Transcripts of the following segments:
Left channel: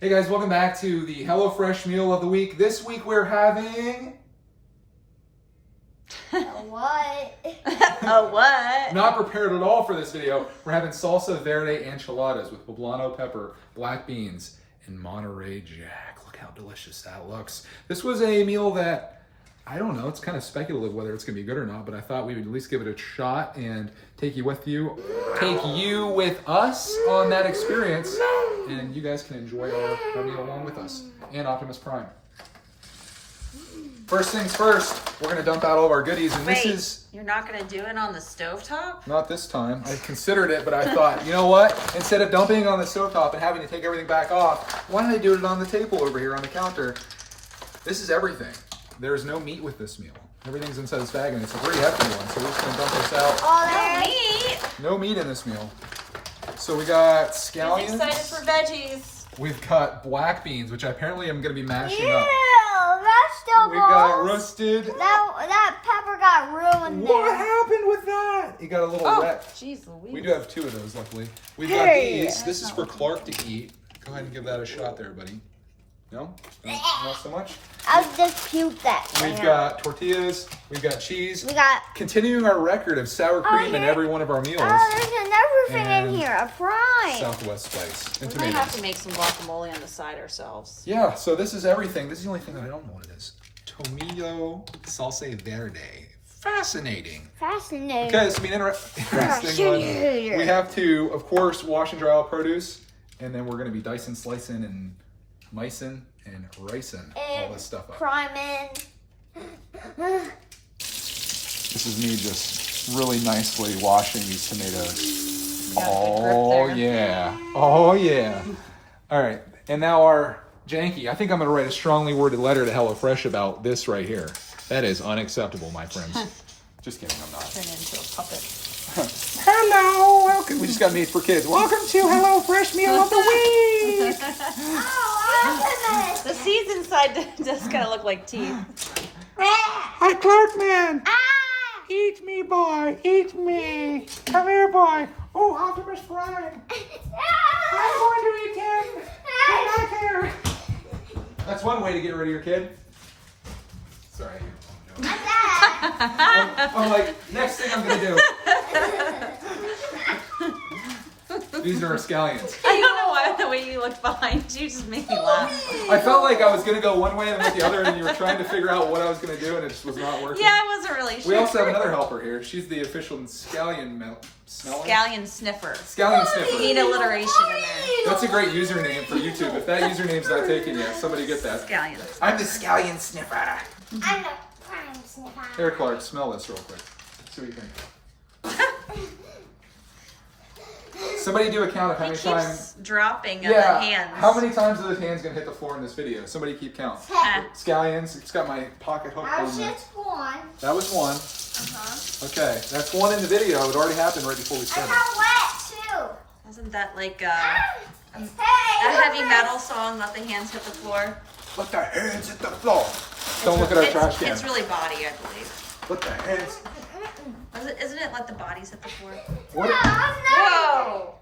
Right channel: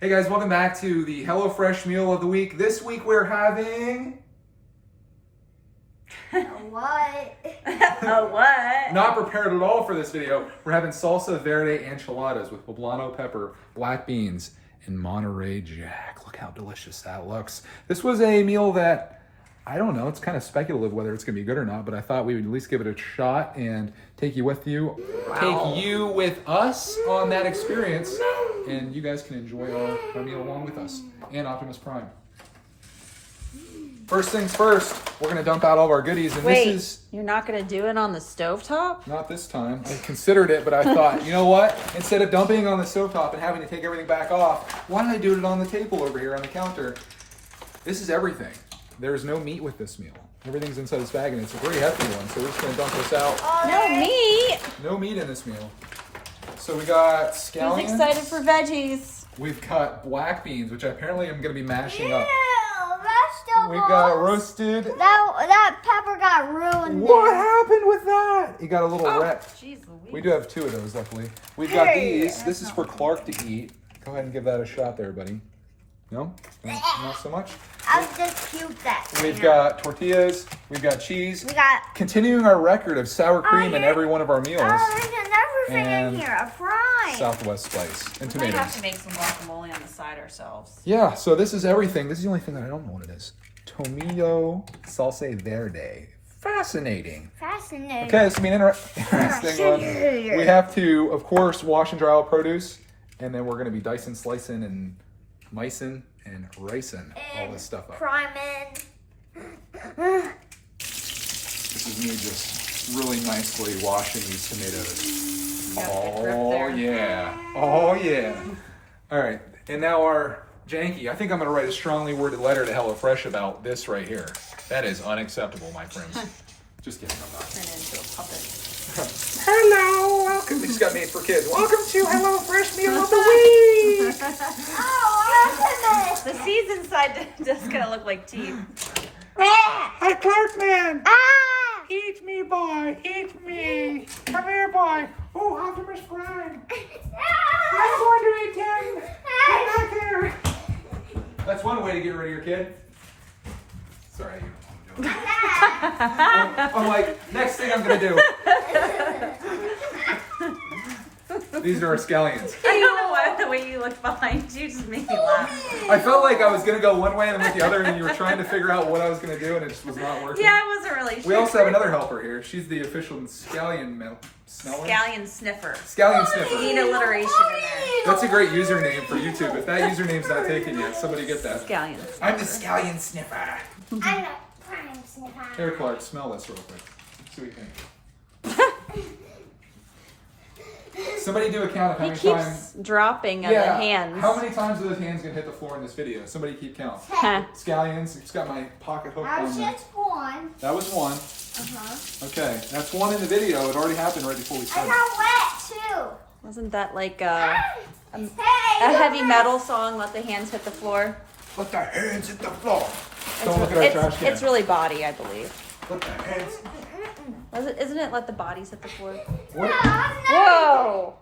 Hey guys, welcome back to the HelloFresh meal of the week. This week we're having... What? A what? Not prepared at all for this video. We're having Salsa Verde Enchiladas with poblano pepper, black beans, and Monterey Jack. Look how delicious that looks. This was a meal that, I don't know, it's kind of speculative whether it's gonna be good or not, but I thought we would at least give it a shot and take you with us on that experience. And you guys can enjoy our meal along with us and Optimus Prime. First things first, we're gonna dump out all of our goodies, and Wait, this is you're not gonna do it on the stovetop? not this time. I considered it, but I thought, you know what? Instead of dumping it on the stovetop and having to take everything back off, why don't I do it on the table over here on the counter? This is everything. There is no meat with this meal. Everything's inside this bag, and it's a very hefty one, so we're just gonna dump this out. No meat! No meat in this meal. So we got He's scallions. excited for veggies. We've got black beans, which I apparently am gonna be mashing up. Vegetables. We got roasted. That pepper got ruined. What there. happened with that? It got a little wet. Jeez Louise. We do have two of those, luckily. We've got these. This is for Clark to eat. Go ahead and give that a shot there, buddy. No? Not so much? I would just puke that. We've got tortillas. We've got cheese. We got. Continuing our record of sour cream in every one of our meals. Oh, there's everything And in here. A fry. Southwest spice and We might have tomatoes. to make some guacamole on the side ourselves. Yeah, so this is everything. This is the only thing that I don't know what it is. Tomillo Salsa Verde. Fascinating. Fascinating. Okay, so interesting one. We have to, of course, wash and dry all produce, and then we're going to be dicing, slicing, and micing and ricing all this stuff up. Priming. This is me just really nicely washing these tomatoes. Got a good grip Oh there. yeah. Oh yeah. All right, and now our janky. I think I'm going to write a strongly worded letter to HelloFresh about this right here. That is unacceptable, my friends. Just kidding, I'm not. Turn it into a puppet. Hello, welcome. We just got meat for kids. Welcome to HelloFresh Meal of the Week. Oh, The seeds inside does kind of look like teeth. Hi, Clark man. ah! Eat me, boy. Eat me. Come here, boy. Oh, Optimus Prime. I'm going to eat him. Come back here. That's one way to get rid of your kid. Sorry. I'm joking. I'm like, next thing I'm going to do. These are our scallions. I don't know why the way you looked behind you just made me laugh. I felt like I was going to go one way and then went the other, and you were trying to figure out what I was going to do, and it just was not working. Yeah, I wasn't really sure. We also have another helper here. She's the official scallion Scallion sniffer. Scallion sniffer. Need alliteration in there. That's a great username for YouTube. If that username's not taken yet, somebody get that. Scallion. I'm the scallion sniffer. I'm a prime sniffer. Here, Clark, smell this real quick. See what you think. Somebody do a count of how He many keeps times. dropping the Yeah. hands. How many times are those hands gonna hit the floor in this video? Somebody keep count. Huh. Scallions. It's got my pocket hook That on was there. just one. That was one. Uh-huh. Okay, that's one in the video. It already happened right before we I started. got wet too. Wasn't that like a Hey, heavy metal song, Let the Hands Hit the Floor? Let the hands hit the floor. Don't look at our trash can. It's really body, I believe. Let the hands. Isn't it Let the Bodies Hit the Floor? What? Whoa!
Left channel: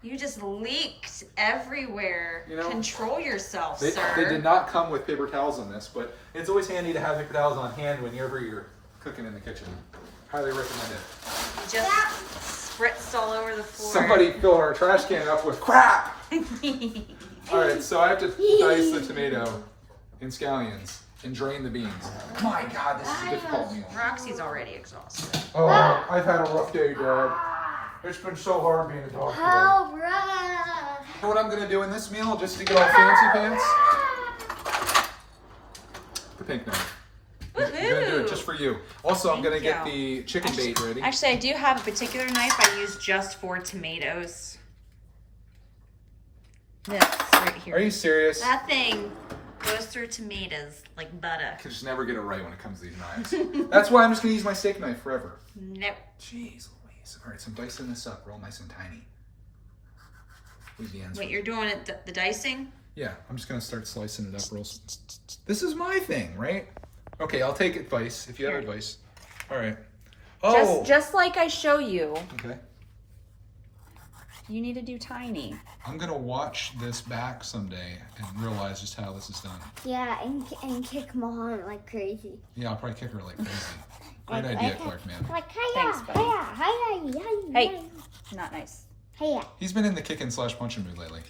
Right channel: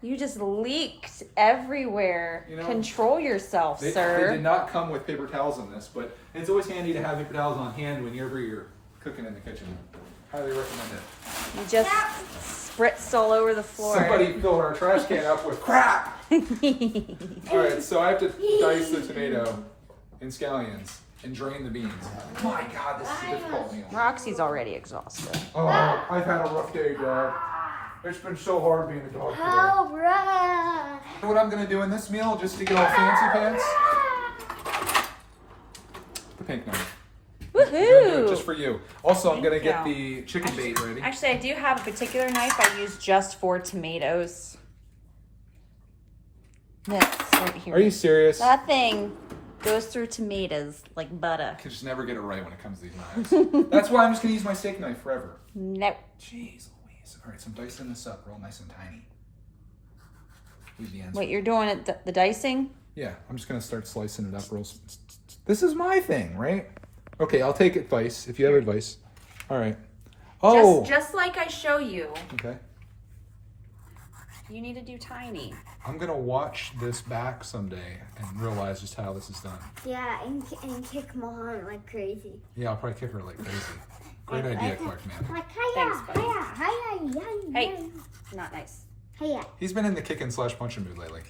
You just leaked everywhere. You know, Control yourself, They sir. did not come with paper towels on this, but it's always handy to have paper towels on hand whenever you're cooking in the kitchen. Highly recommend it. You just spritzed all over the floor. Somebody filled our trash can up with crap. All right, so I have to dice the tomato in scallions and drain the beans. Oh my God, this is a difficult meal. Roxy's already exhausted. Oh, I've had a rough day, Dad. It's been so hard being a dog today. How rough. You know what I'm gonna do in this meal, just to get all fancy pants? The pink knife. I'm gonna do it just for you. Also, I'm gonna get the chicken bait ready. Actually, I do have a particular knife I use just for tomatoes. This right here. Are you serious? That thing goes through tomatoes like butter. I can just never get it right when it comes to these knives. That's why I'm just gonna use my steak knife forever. Nope. Jeez Louise. All right, so I'm dicing this up real nice and tiny. Leave the ends. Wait, you're doing it the dicing? Yeah, I'm just gonna start slicing it up real. This is my thing, right? Okay, I'll take advice if you have advice. All right. Oh. Just like I show you. Okay. You need to do tiny. I'm gonna watch this back someday and realize just how this is done. Yeah, and kick Mom like crazy. Yeah, I'll probably kick her like crazy. Great idea, Clark, man. Like, Thanks, buddy. Hey. Not nice. Hey. He's been in the kicking / punching mood lately.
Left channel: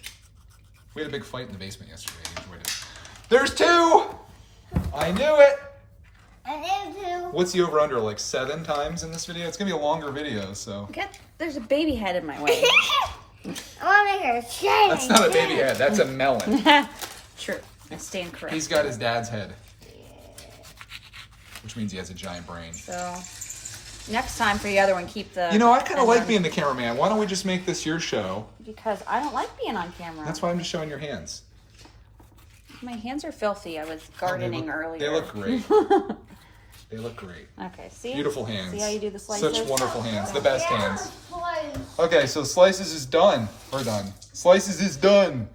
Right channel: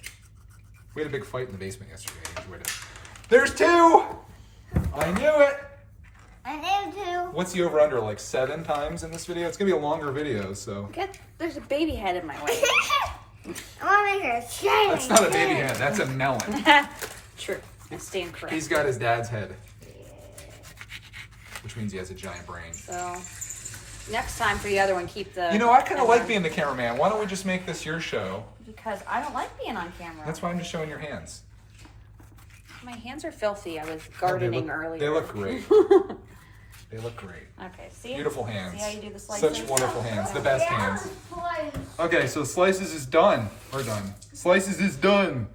We had a big fight in the basement yesterday. He enjoyed it. There's 2! I knew it! I knew too. What's the over-under, like 7 times in this video? It's gonna be a longer video, so. There's a baby head in my way. I want to make her shiny. That's not a baby head, that's a melon. True. I stand corrected. He's got his dad's head. Which means he has a giant brain. So, next time for the other one, keep the... You know, I kind of like being the cameraman. Why don't we just make this your show? Because I don't like being on camera. That's why I'm just showing your hands. My hands are filthy. I was Oh, gardening earlier. They look great. They look great. Okay, see? Beautiful hands. See how you do the slices? Such wonderful hands. The best hands. Please. Okay, so slices is done. We're done. Slices is done.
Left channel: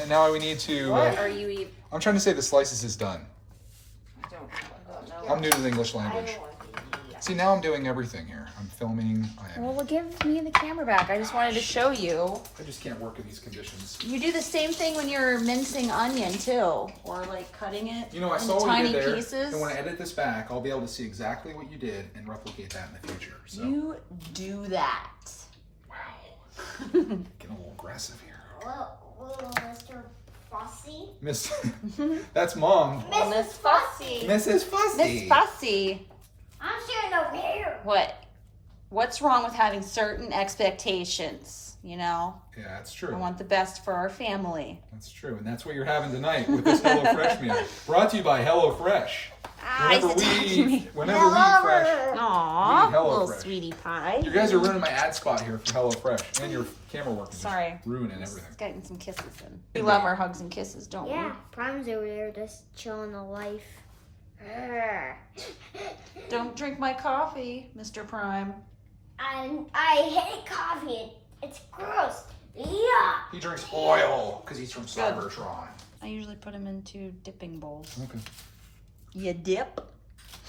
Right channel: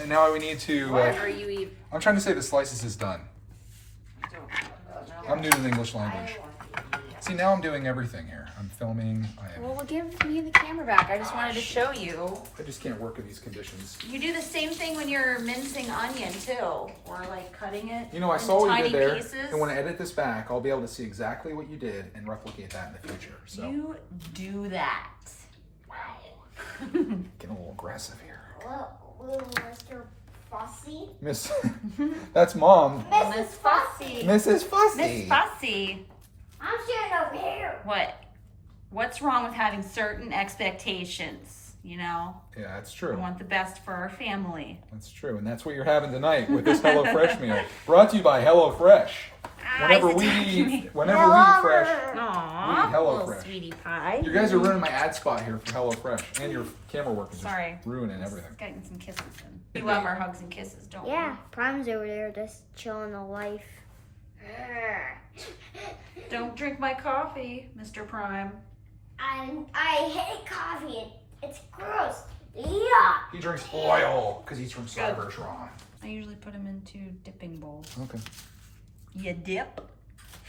And now we need to... What are you eating? I'm trying to say the slices is done. I'm new to the English language. See, now I'm doing everything here. I'm filming. Well, give me the camera back. I just wanted to show you. I just can't work in these conditions. You do the same thing when you're mincing onion too, or like cutting it. You know, I into saw what you tiny did there, pieces. and when I edit this back, I'll be able to see exactly what you did and replicate that in the future. So, You do that. wow, getting a little aggressive here. Little Mr. Fussy. Miss, that's Mom. Mrs. Fussy. Mrs. Fussy. Miss Fussy. I'm sitting over here. What? What's wrong with having certain expectations? You know, Yeah, that's we true. want the best for our family. That's true, and that's what you're having tonight with this HelloFresh meal, brought to you by HelloFresh. Whenever we eat fresh, Aww, We eat little HelloFresh. sweetie pie. you guys are ruining my ad spot here for HelloFresh, and your camera work is just Sorry. ruining everything. Getting some kisses in. We love our hugs and kisses, don't Yeah, Prime's over there just chilling the life. we? Don't drink my coffee, Mr. Prime. I hate coffee. It's gross. Yeah. He drinks oil because he's from Cybertron. I usually put them into dipping bowls. Okay. You dip?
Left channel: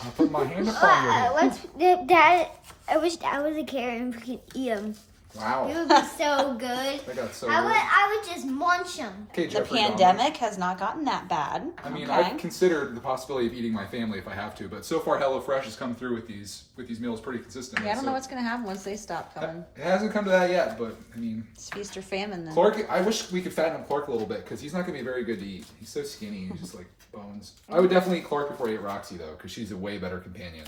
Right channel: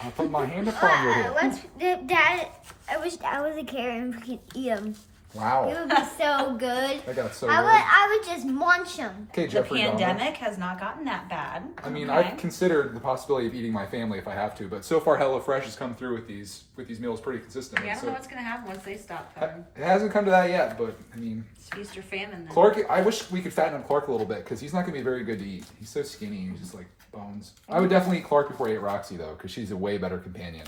I'll put my hand upon your head. Dad, I wish I was a carrot and we could eat them. It Wow. would be so good. That got so I would just munch them. Okay, The Jeffrey Dahmer. pandemic has not gotten that bad. I mean, Okay. I've considered the possibility of eating my family if I have to, but so far HelloFresh has come through with these meals pretty consistently. Yeah, I don't so know what's going to happen once they stop coming. it hasn't come to that yet, but I mean, It's feast or famine then. Clark, I wish we could fatten up Clark a little bit because he's not going to be very good to eat. He's so skinny, he's just like bones. I would definitely eat Clark before I ate Roxy though, because she's a way better companion.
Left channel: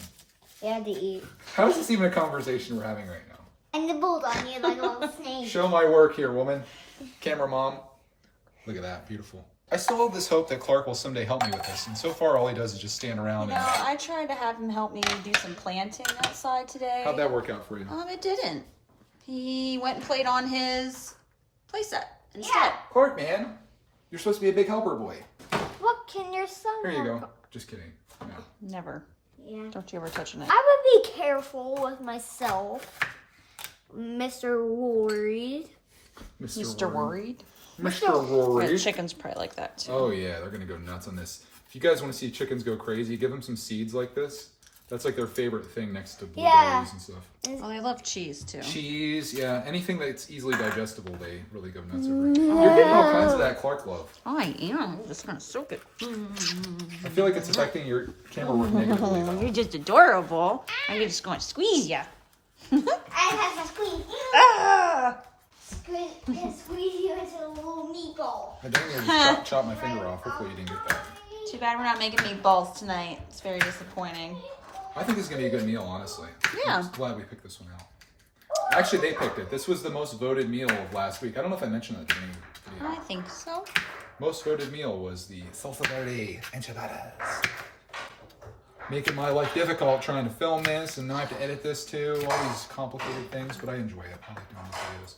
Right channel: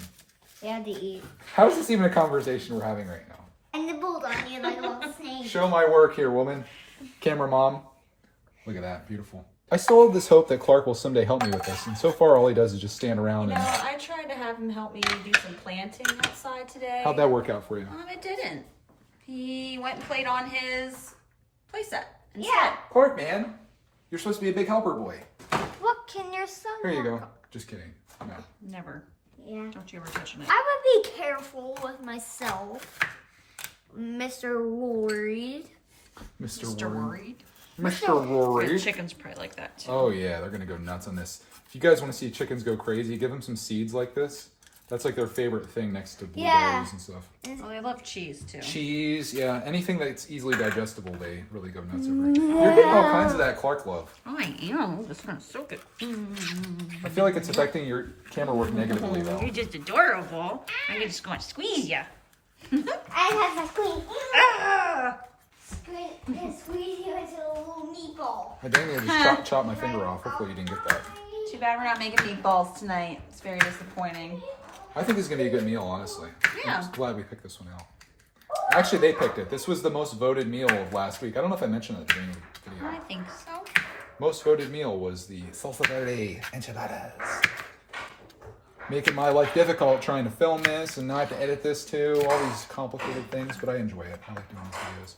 We had to eat. How is this even a conversation we're having right now? I nibbled on you like a little snake. Show my work here, woman. Camera mom. Look at that, beautiful. I still have this hope that Clark will someday help me with this, and so far all he does is just stand around No, and... I tried to have him help me do some planting outside today. How'd that work out for you? It didn't. He went and played on his playset instead. Yeah. Clark, man, you're supposed to be a big helper boy. What can your son Here you work go. Just kidding. No. Never. on? Yeah. Don't you ever touch a knife. I would be careful with myself, Mr. Worried. Mr. Worried. Mr. Yeah, Worried. chickens probably like that too. Oh yeah, they're gonna go nuts on this. If you guys want to see chickens go crazy, give them some seeds like this. That's like their favorite thing next to blueberries Yeah. and stuff. Oh, they love cheese too. Cheese, yeah, anything that's easily digestible, they really go nuts over. You're getting all kinds of that Clark love. I am. I'm just gonna soak it. I feel like it's affecting your camera work negatively though. You're just adorable. I'm just gonna squeeze ya. I have to squeeze. Ah! Squeeze you into a little meatball. I dang near just chop my finger off. Hopefully you didn't get that. Too bad we're not making meatballs tonight. It's very disappointing. I think this is gonna be a good meal, honestly. Yeah. I'm just glad we picked this one out. Actually, they picked it. This was the most voted meal of last week. I don't know if I mentioned that at the beginning of the video. I think so. Most voted meal was the Salsa Verde Enchiladas. Making my life difficult trying to film this, and now I have to edit this too. All these complicated things, but I enjoy it. I like doing these videos.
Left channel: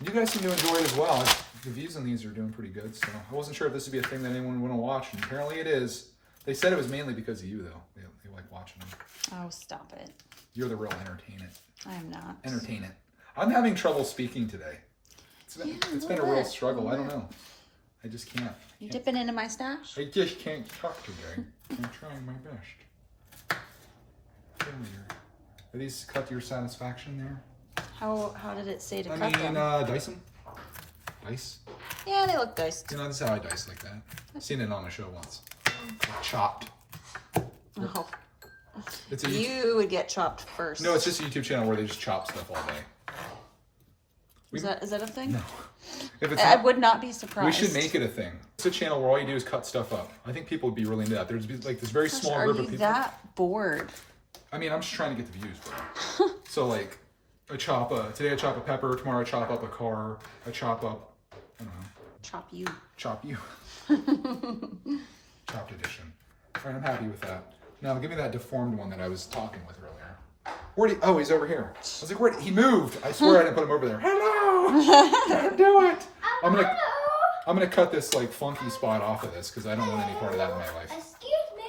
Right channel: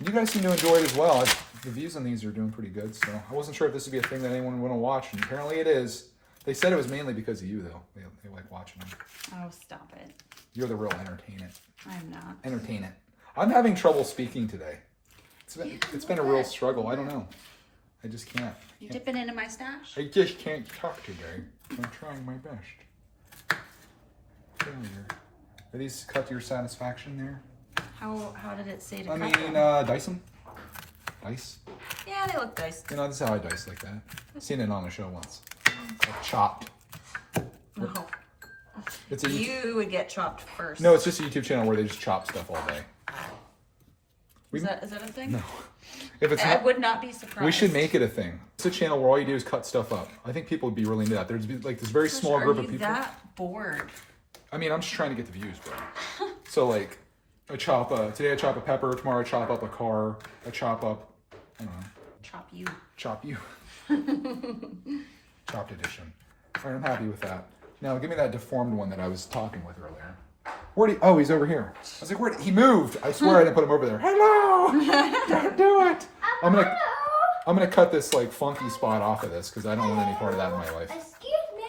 You guys seem to enjoy it as well. The views on these are doing pretty good, so I wasn't sure if this would be a thing that anyone would want to watch, and apparently it is. They said it was mainly because of you, though. They like watching them. Oh, stop it. You're the real entertainment. I'm not. Entertainment. I'm having trouble speaking today. It's been a real struggle. I don't know. I just can't. You dipping into my stash? I just can't talk today. I'm trying my best. Failure. Are these cut to your satisfaction there? How did it say to I cut mean, them? dice them. Dice. Yeah, they look diced. You know, this is how I dice like that. I've seen it on a show once. Like chopped. Oh. It's a You would get chopped first. No, it's just a YouTube channel where they just chop stuff all day. Is that a thing? No. If it's I not, would not be surprised. we should make it a thing. It's a channel where all you do is cut stuff up. I think people would be really into that. There's like this very small group of people. Are you that bored? I mean, I'm just trying to get the views, bro. So like, today I chop a pepper, tomorrow I chop up a car, I chop up, I don't know. Chop you. Chop you. Chopped edition. All right, I'm happy with that. Now give me that deformed one that I was talking with earlier. Where'd he? Oh, he's over here. I was like, where? He moved. I swear I didn't put him over there. Hello. Don't do it. I'm gonna cut this like funky spot off of this because I don't want any part of that in my life. Excuse me.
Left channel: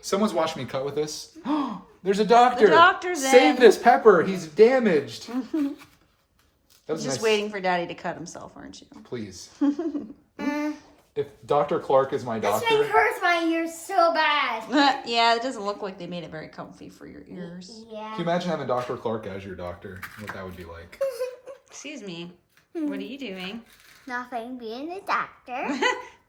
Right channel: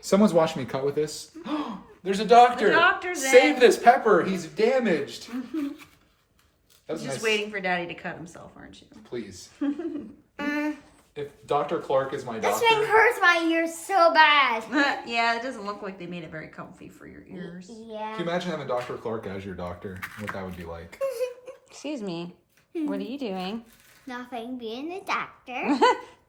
Someone's watching me cut with this. There's a doctor. The doctor's Save in. this pepper. He's damaged. That was Just nice. waiting for Daddy to cut himself, aren't you? Please. If Dr. Clark is my This doctor. thing hurts my ears so bad. Yeah, it doesn't look like they made it very comfy for your ears. Yeah. Can you imagine having Dr. Clark as your doctor? What that would be like. Excuse me. What are you doing? Nothing, being a doctor.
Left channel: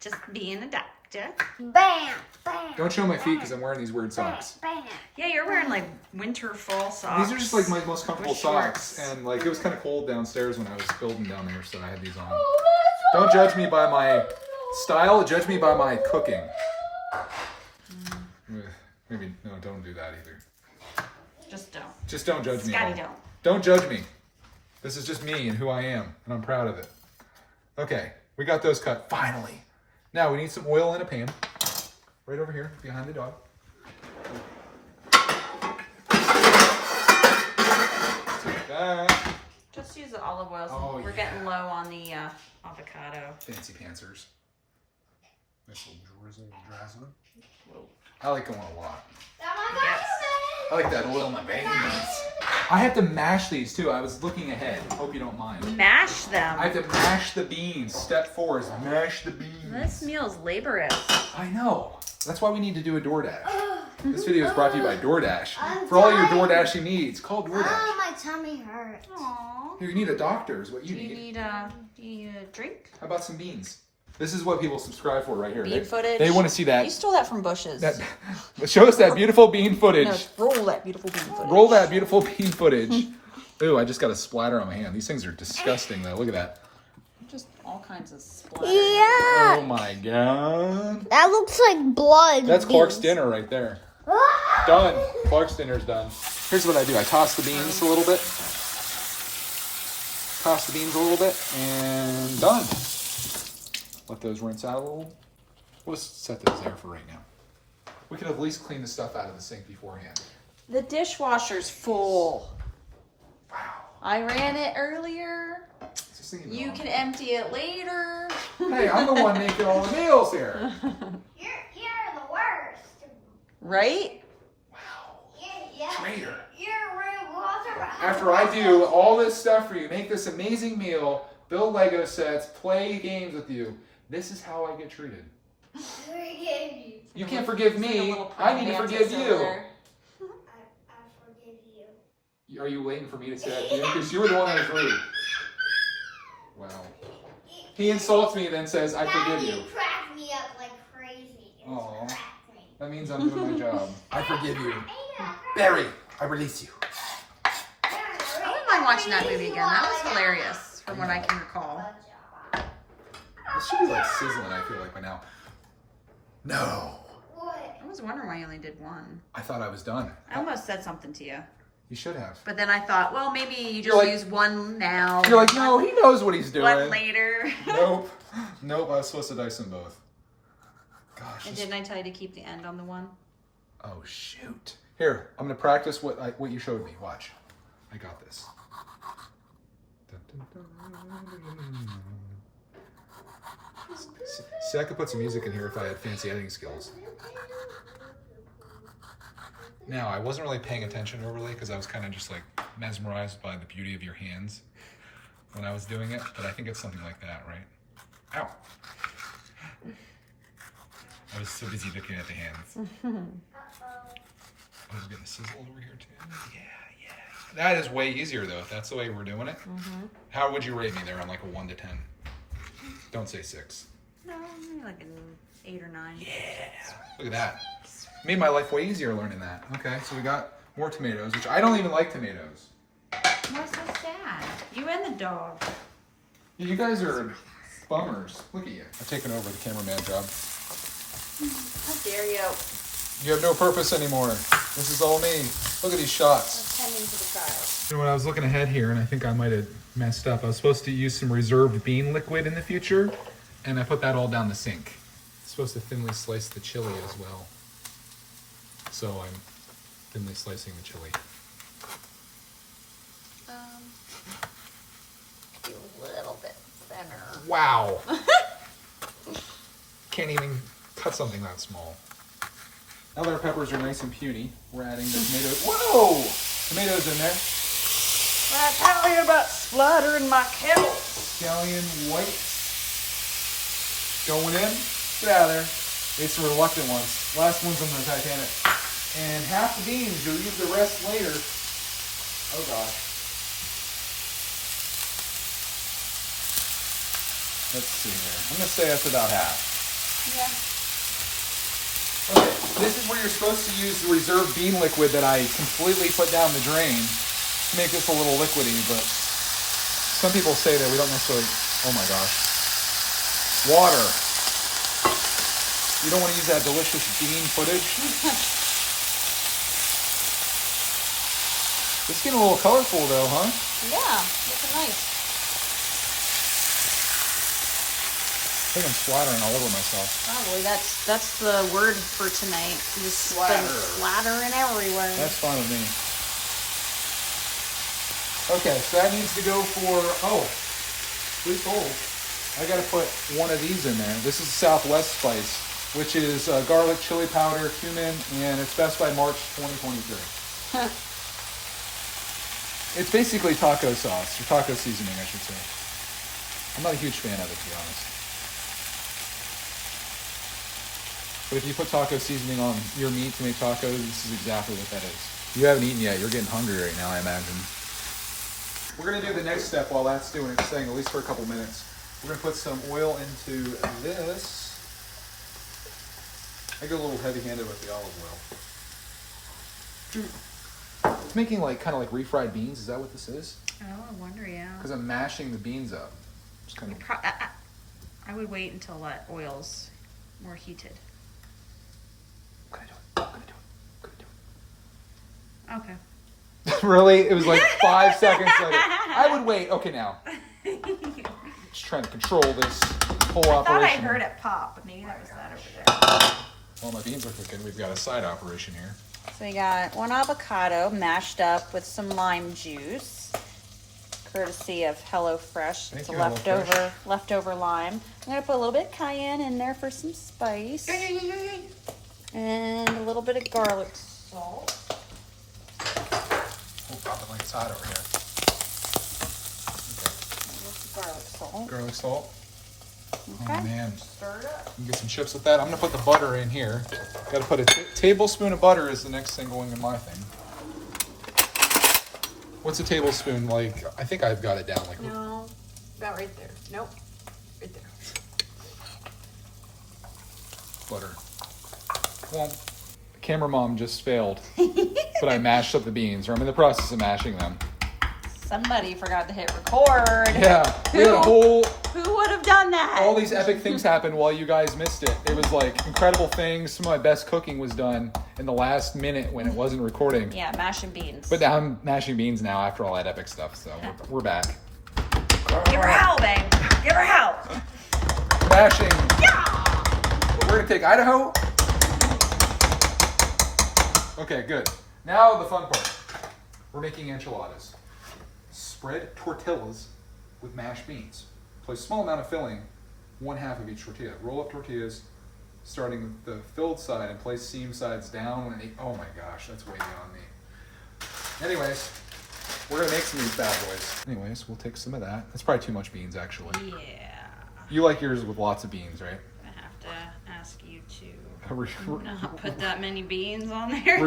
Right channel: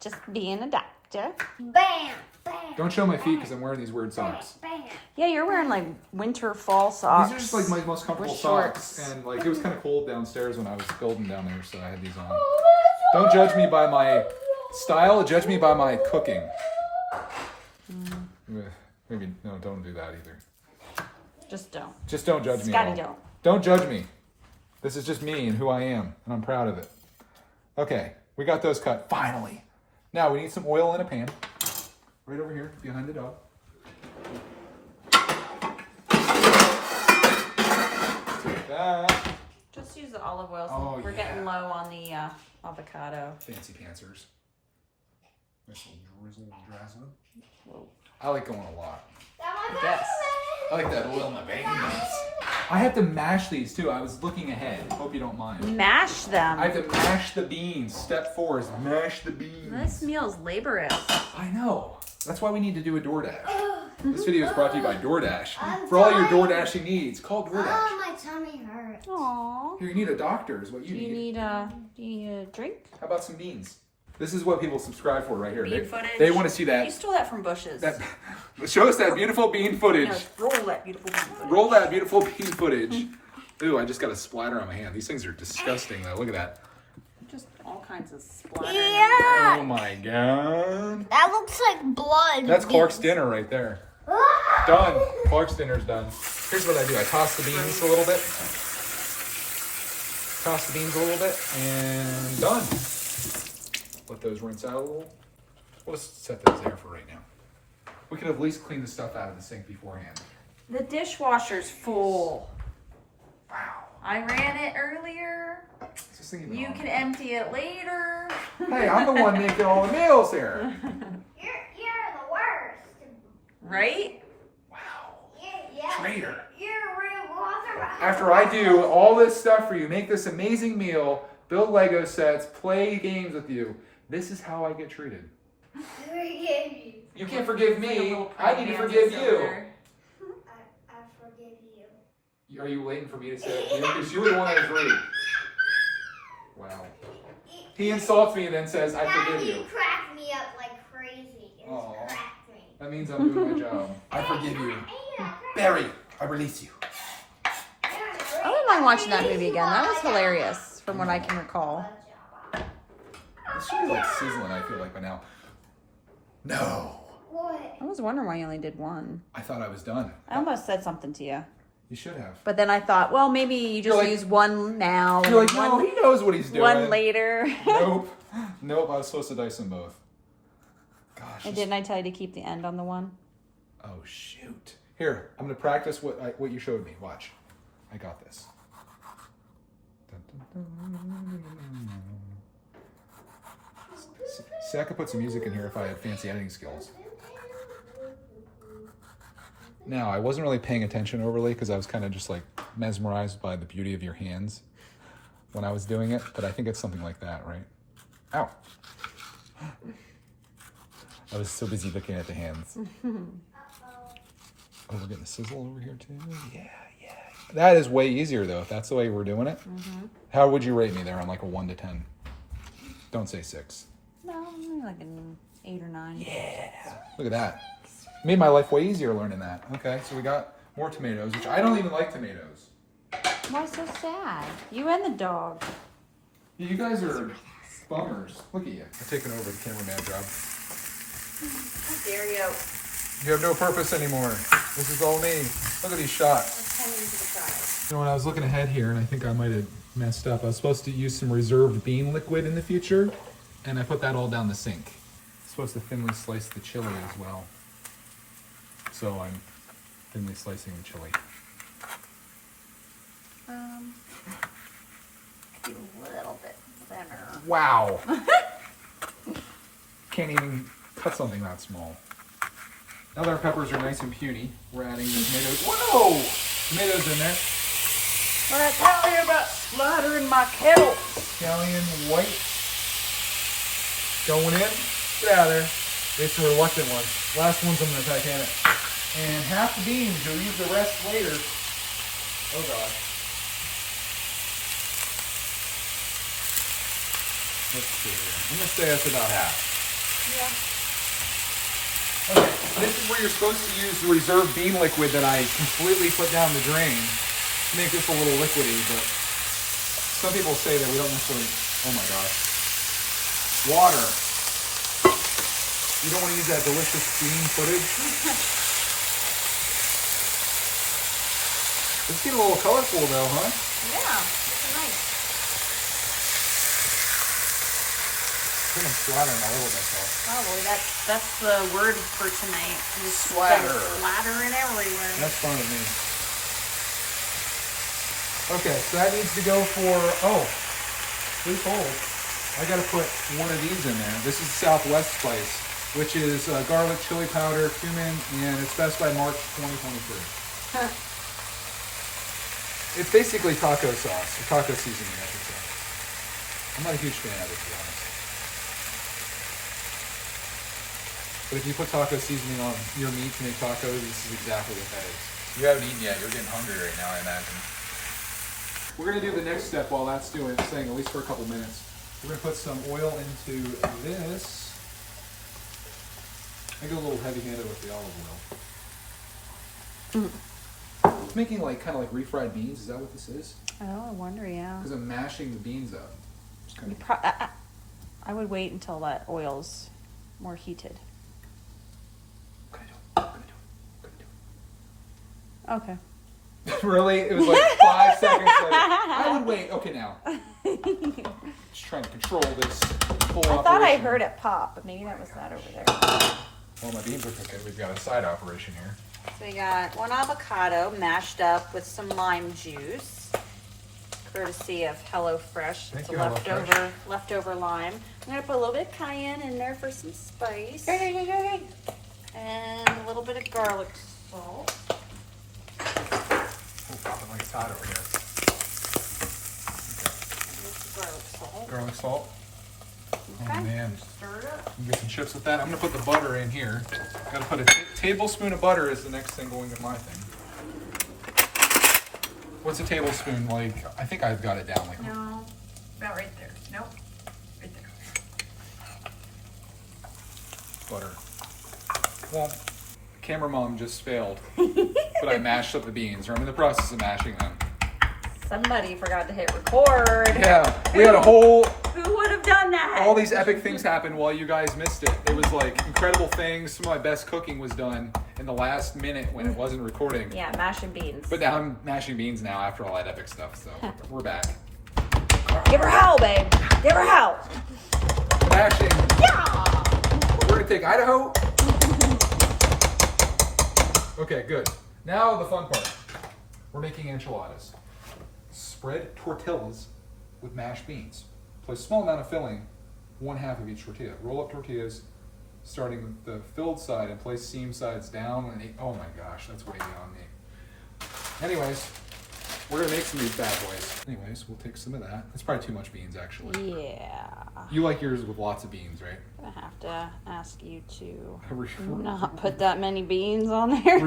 Just being a doctor. Bam, bam. Don't show my feet because I'm wearing these weird socks. Bam. Yeah, you're wearing like winter fall socks. These are just like my most comfortable With socks. shorts. And like it was kind of cold downstairs when I was building down there, so I had these on. Don't judge me by my style, judge me by my cooking. Maybe, no, don't do that either. Just don't. Just don't judge me. at Scotty, all. don't. Don't judge me. This is just me and who I am, and I'm proud of it. Okay, we got those cut, finally. Now we need some oil in a pan. Right over here, behind the dog. Take that. Just use the olive oil. Oh, We're yeah. getting low on the avocado. Fancy pantsers. Nice little drizzle, drazzle. Whoa. I like going a lot. Yes. I like that oil in my veins. I have to mash these too. I was looking ahead. Hope you don't mind. Mash them. I have to mash the beans. Step 4 is mash the beans. This meal is laborious. I know. That's why we need to do a DoorDash. This video is brought to you by DoorDash. For all your DoorDashing needs, call DoorDash. Oh, my tummy hurts. Aww. Here, you need a doctor is what Do you you need. need a drink? How about some beans? This is what people subscribe for right here. Bean footage. They want to see You that. stole that from bushes. Show us that beautiful bean footage. No, roll that beautiful bean footage. Roll that beautiful bean footage. Ooh, I just got a splatter on my hand. These things are disgusting though. Look at that. Just all kinds of splatter. Yeah. Oh my god. That looks like blood. That's Clark's dinner right there. Done. Clark's dinner's done. Here's what I do. I toss the beans a little bit. Toss the beans a little bit. And done. Let those rinse out a little. We'll just set those there for right now. We could at least clean the stuff out of the sink beforehand. The dishwasher's full. Wow. I ran it earlier. Just thinking You wrong. can empty it later. Hey, I'm the one making all the meals here. You're the worst. Wow. Right? Traitor. You're rude. Water. After I do all this stuff for you, make this amazing meal, build Lego sets, play games with you, this is how I get treated. You can't forgive It's like a me. little I need to mantis forgive over you. there. I forgive you. Are you waiting for me to say it? Because you were the one that's rude. Wow. He insults me and then says, I forgive you. You crack me up like crazy. It's Aw. cracked me. That means I'm doing my job. I forgive you. Barry, I release you. I wouldn't mind watching that movie again. That was hilarious, from what I can recall. This should be like sizzling, I feel like, by now. No. What? I was wondering why you only did one. I thought I was done. I almost said something to you. You should have. But then I thought, well, maybe you You're just like- use one now. You're like, and no, he knows what he's doing. one later. Nope. Nope, I was supposed to dice them both. Gosh. And this- didn't I tell you to keep the end on the one? Oh, shoot. Here, I'm going to practice what you showed me. Watch. I got this. See, I could put some music in here if I had fancy editing skills. Now, I wasn't really paying attention overly because I was kind of just like mesmerized by the beauty of your hands when I was doing it, but I think it's something like that, right? Ow. I was so busy looking at the hands. Oh, we're getting the sizzle over here too? Yeah, yeah, That is way easier though, if that's the way we're doing it. Mm-hmm. How would you rate me there on like a 1 to 10? Don't say 6. No, maybe like an 8 or 9. Yeah. Look at that. Made my life way easier learning that. Okay, so we got more tomatoes, which I don't even like tomatoes. Why so sad? You and the dog. You guys are bummers. Look at you. I've taken over the cameraman job. How dare you? You have no purpose anymore. This is all me. Look at these shots. Attending to the child. You know, when I was looking ahead here, and I think I might have messed up, I was supposed to use some reserved bean liquid in the future, and I put that all down the sink. It's supposed to thinly slice the chili as well. So I'm thinly slicing the chili. Could be a little bit thinner. Wow. Can't even cut something that small. Now that our peppers are nice and puny, we're adding the tomatoes. Whoa! Tomatoes in there. When I tell you about slaughtering my kettle. Scallion white. Going in. Get out of there. It's the reluctant ones. Last ones on the Titanic. And half the beans. You'll use the rest later. Oh gosh. Let's see. I'm going to say that's about half. Yeah. Okay, this is where you're supposed to use the reserved bean liquid that I completely put down the drain to make this a little liquidy, but some people say that we don't necessarily, oh my gosh. Water. You don't want to use that delicious bean footage. It's getting a little colorful though, huh? Yeah, it's nice. I think I'm splattering all over myself. Probably that's the word for tonight. Splatter. Slathering everywhere. That's fine with me. Okay, so that needs to go for, oh, please hold. I gotta put one of these in there. This is Southwest Spice, which is garlic, chili powder, cumin, and it's best by March 2023. It's basically taco sauce, the taco seasoning, I should say. I'm not a huge fan of it, to be honest. But if you put taco seasoning on your meat to make tacos, this is exactly what that is. You haven't eaten yet. You're getting hungry right now, I imagine. We're going to do the next step while that's doing its thing, at least for a couple minutes. We're going to put some oil into this. I get a little heavy-handed with the olive oil. It's making like kind of like refried beans. Is that what this is? Oh, I wonder, yeah. Because I'm mashing the beans up. Just kind of... I would wait until that oil's more heated. Okay. Really? It was like 5 seconds later. I would wait. Okay, now. Just trying to control this whole operation. I thought I heard it pop, but maybe that was that over there. While my beans are cooking, we've got a side operation here. So we got one avocado mashed up with some lime juice, courtesy of HelloFresh. Thank It's you, a HelloFresh. leftover lime. I'm gonna put a little bit of cayenne in there for some spice, and a little bit of garlic salt. Oh, pop it like it's hot over here. Okay. Garlic salt. Okay. Oh man, Stir it up. you can get some chips with that. I'm gonna put the butter in here. Got to put a tablespoon of butter is the next thing going in my thing. What's a tablespoon like? I think I've got it down like. No, about right there. Nope, right there. Butter. Well, camera mom just failed, but I mashed up the beans. Or I'm in the process of mashing them. Somebody forgot to hit record. Yeah, we had a whole. Who would have done that? All these epic things happened while you guys missed it. It was like incredible things. Some of my best cooking was done in the last minute when it wasn't recording. Yeah, mashing beans. But now I'm mashing beans now after all that epic stuff. So we're back. Give her hell, babe. Give her hell. Mashing. Yeah. We're gonna take Idaho. Okay, good. Now the fun part. We're making enchiladas. Spread tortillas with mashed beans. Place a small amount of filling, 1/2 of each tortilla. Roll up tortillas, starting with the filled side, and place seam sides down. Oh my gosh, that's way beyond me. Anyways, we're gonna make some of these bad boys. Anyways, we'll take some of that. That's probably too much beans, actually. Yeah. You like yours with lots of beans, right? I'm gonna have to ask you to Refrain not put that many beans on there.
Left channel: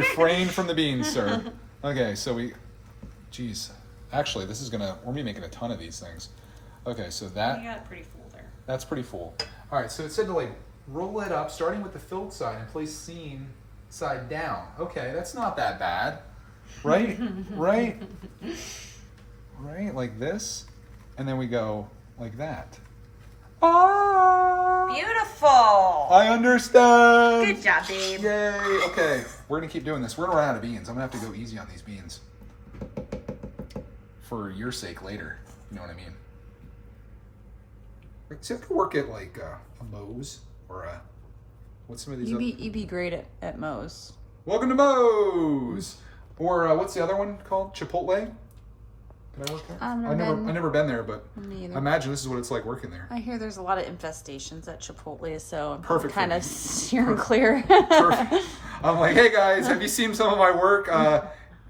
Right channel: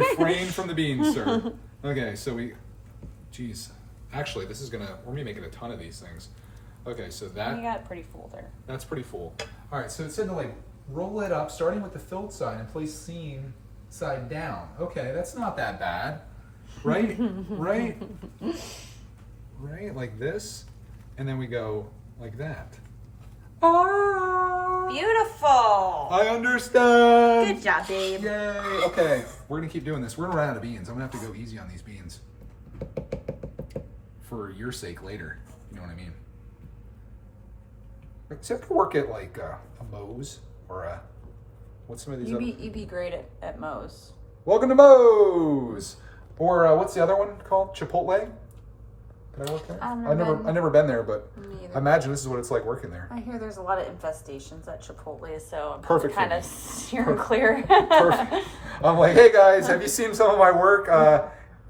from the beans, sir. Okay, so we geez. Actually, this is we're gonna be making a ton of these things. Okay, so We that, got it pretty full there. that's pretty full. All right, so it said to like roll it up, starting with the filled side and place seam side down. Okay, that's not that bad, right? Right? Right, like this, and then we go like that. Oh, Beautiful. I understand. Good job, babe. Yay. Okay, we're gonna keep doing this. We're gonna run out of beans. I'm gonna have to go easy on these beans for your sake later. You know what I mean? Except to work at like a Moe's or a what's some of these? You'd be great at Moe's. Welcome to Moe's. Or what's the other one called? Chipotle. Can I work there? I've never been there, but I imagine this is what it's like working there. I hear there's a lot of infestations at Chipotle, so I'm Perfect for kind me. of steer clear. Perfect. I'm like, hey guys, have you seen some of my work?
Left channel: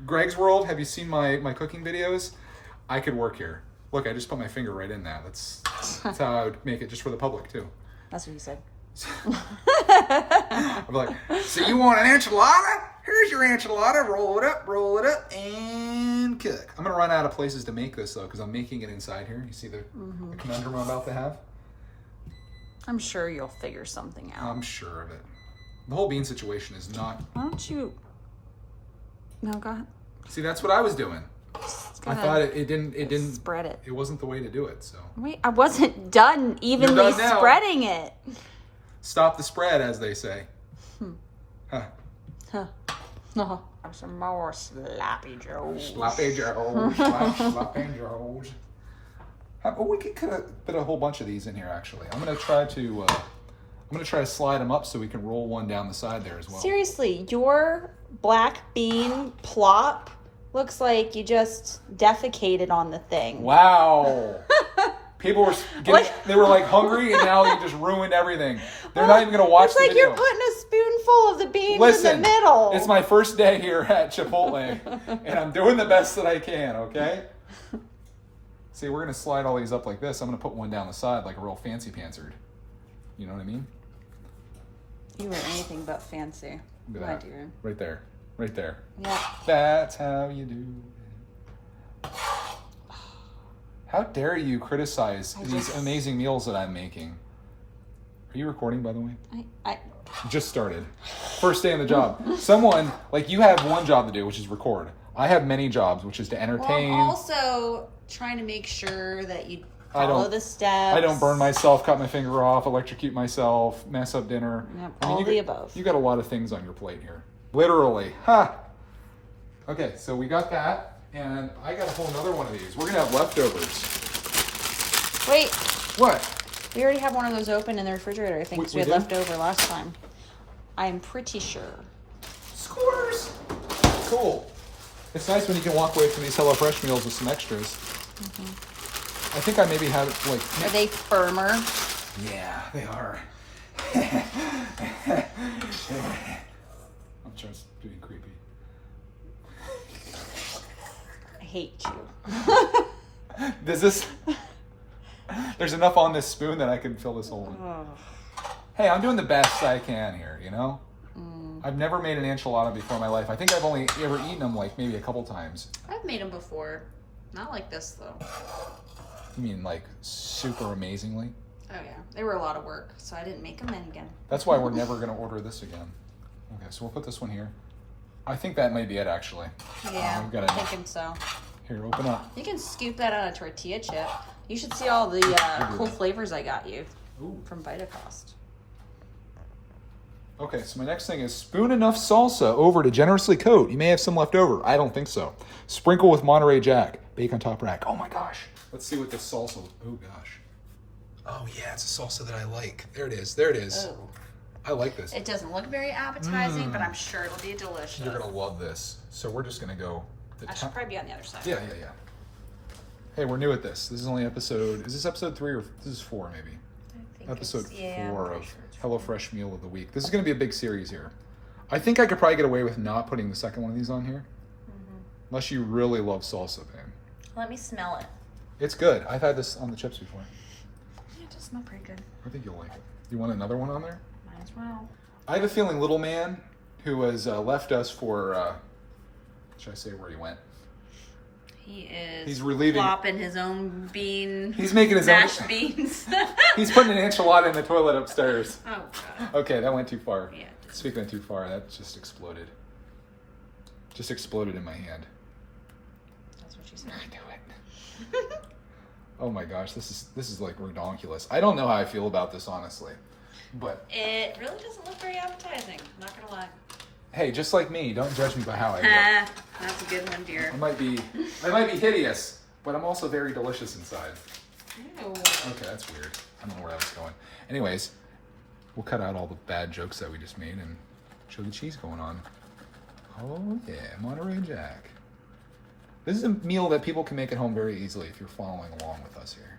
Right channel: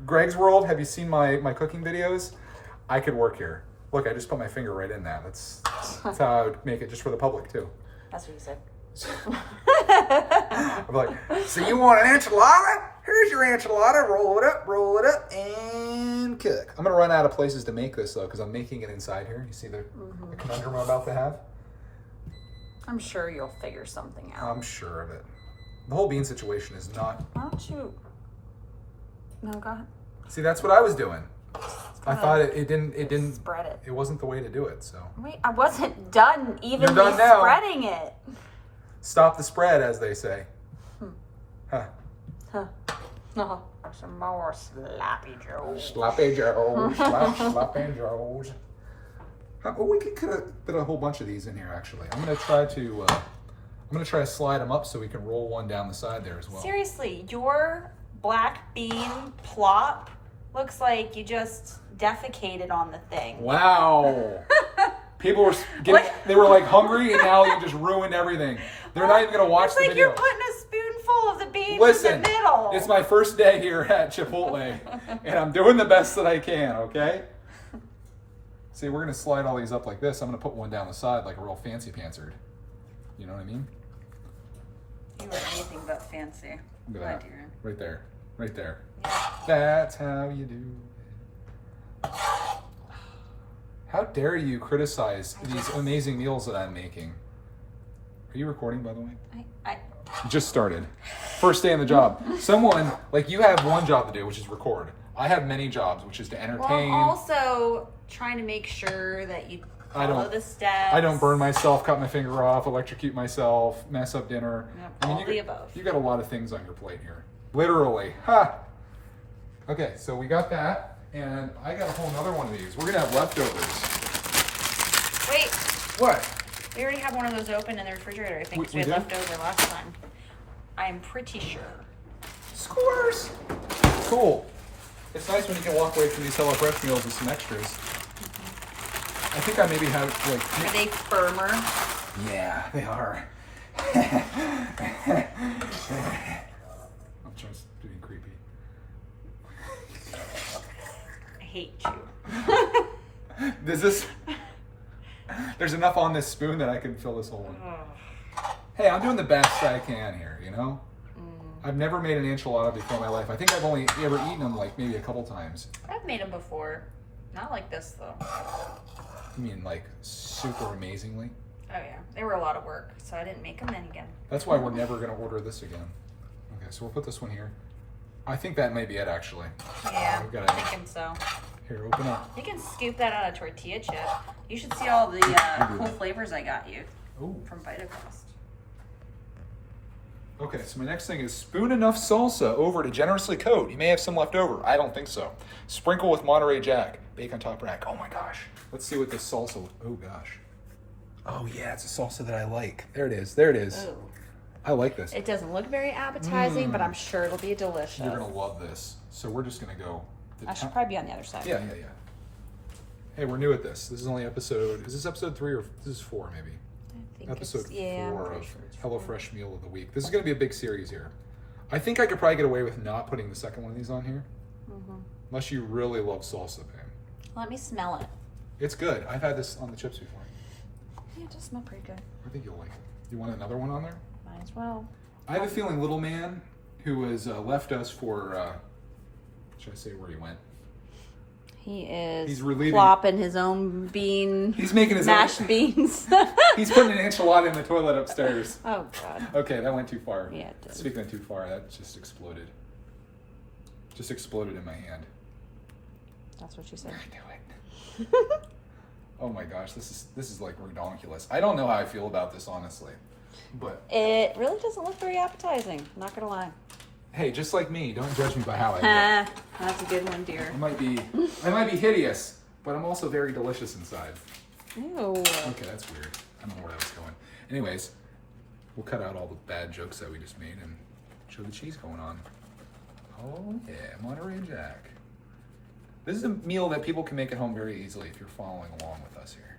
Greg's World, have you seen my cooking videos? I could work here. Look, I just put my finger right in that. That's how I would make it just for the public too. That's what you said. I'm like, so you want an enchilada? Here's your enchilada. Roll it up, and cook. I'm gonna run out of places to make this though, because I'm making it inside here. You see the conundrum I'm about to have? I'm sure you'll figure something out. I'm sure of it. The whole bean situation is not. Why don't you? No, go ahead. See, that's what I was doing. I thought it didn't spread it. It wasn't the way to do it. So Wait, I wasn't done evenly done now. spreading it. stop the spread, as they say. Huh. Huh. No. Some more sloppy joes. Sloppy joes, sloppy joes. We could put a whole bunch of these in here. Actually, I'm gonna try to slide them up so we can roll one down the side there as well. Seriously, your black bean plop looks like you just defecated on the thing. Wow. People were they were like hungry, and now you just ruined everything. They're not even gonna watch the It's like video. you're putting a spoonful of the beans Listen, in the middle. it's my first day here at Chipotle, and I'm doing the best that I can, okay? See, we're gonna slide all these up like this. I'm gonna put one down the side like a real fancy pantsard. You know what I mean? You were anything but fancy. Look at that. Dear. Right there. Right there. Yeah. That's how you do it. How dare you criticize these amazing meals that I'm making? Are you recording, by the way? I Just started. First day on the job. Someone, like, you have one job to do, which is record. I have many jobs, which is to entertain. Well, I'm also trying to make sure that you follow the steps. I don't burn myself, cut my finger off, electrocute myself, mess up dinner. Yep, all the above. You got a lot of things on your plate here. Literally. Ha! Okay, so we got that, and I got a whole nother one of these. We're going to have leftovers. Wait, What? we already have one of those open in the refrigerator, I think, because we had did? left over last time. I am pretty sure. Squirters! Cool. It's nice when you can walk away from these HelloFresh meals with some extras. I think I maybe have, like... Are they firmer? Yeah, they are. I'm just being creepy. I hate you. There's enough on this spoon that I can fill this hole in. Hey, I'm doing the best I can here, you know? I've never made an enchilada before in my life. I think I've only ever eaten them like maybe a couple times. I've made them before. Not like this, though. You mean like super amazingly? Oh, yeah. They were a lot of work, so I didn't make them again. That's why we're never going to order this again. Okay, so we'll put this one here. I think that might be it, actually. Yeah, We've got I'm it. thinking so. Here, open up. You can scoop that on a tortilla chip. You should see all the cool flavors I got you Ooh. from Vitacost. Okay, so my next thing is spoon enough salsa over to generously coat. You may have some left over. I don't think so. Sprinkle with Monterey Jack. Bake on top rack. Oh my gosh. Let's see what this salsa. Oh gosh. Oh yeah, it's a salsa that I like. There it is. There it is. Oh. I like this. It doesn't look very appetizing, but I'm sure it'll be delicious. You're gonna love this. So we're just gonna go. I should probably be on the other side. Yeah. Hey, we're new at this. This is only episode. Is this episode 3 or this is 4 maybe? I think Episode it's, yeah, 4 I'm pretty of sure it's HelloFresh Meal of the Week. This is going to be a big series here. I think I could probably get away with not putting the second one of these on here. Unless you really love salsa, babe. Let me smell it. It's good. I've had this on the chips before. Yeah, it does smell pretty good. I think you'll like it. You want another one on there? Might as well. I have a feeling little man, who has left us for, should I say where he went? He is He's relieving. plopping his own bean. He's making his mashed own beans. He's putting an enchilada in the toilet upstairs. Oh God. Okay, that went too far. Yeah, it did. Speaking of too far, that just exploded. Just exploded in my hand. That's what you said. I knew it. Oh my gosh, this is like redonkulous. I don't know how I feel about this, honestly. But It really doesn't look very appetizing. Not gonna lie. hey, just like me, don't judge me by how I look. That's a good one, dear. I might be hideous, but I'm also very delicious inside. Ew. Okay, that's weird. I don't know where that was going. Anyways, we'll cut out all the bad jokes that we just made and show the cheese going on. Oh yeah, Monterey Jack. This is a meal that people can make at home very easily if you're following along with us here.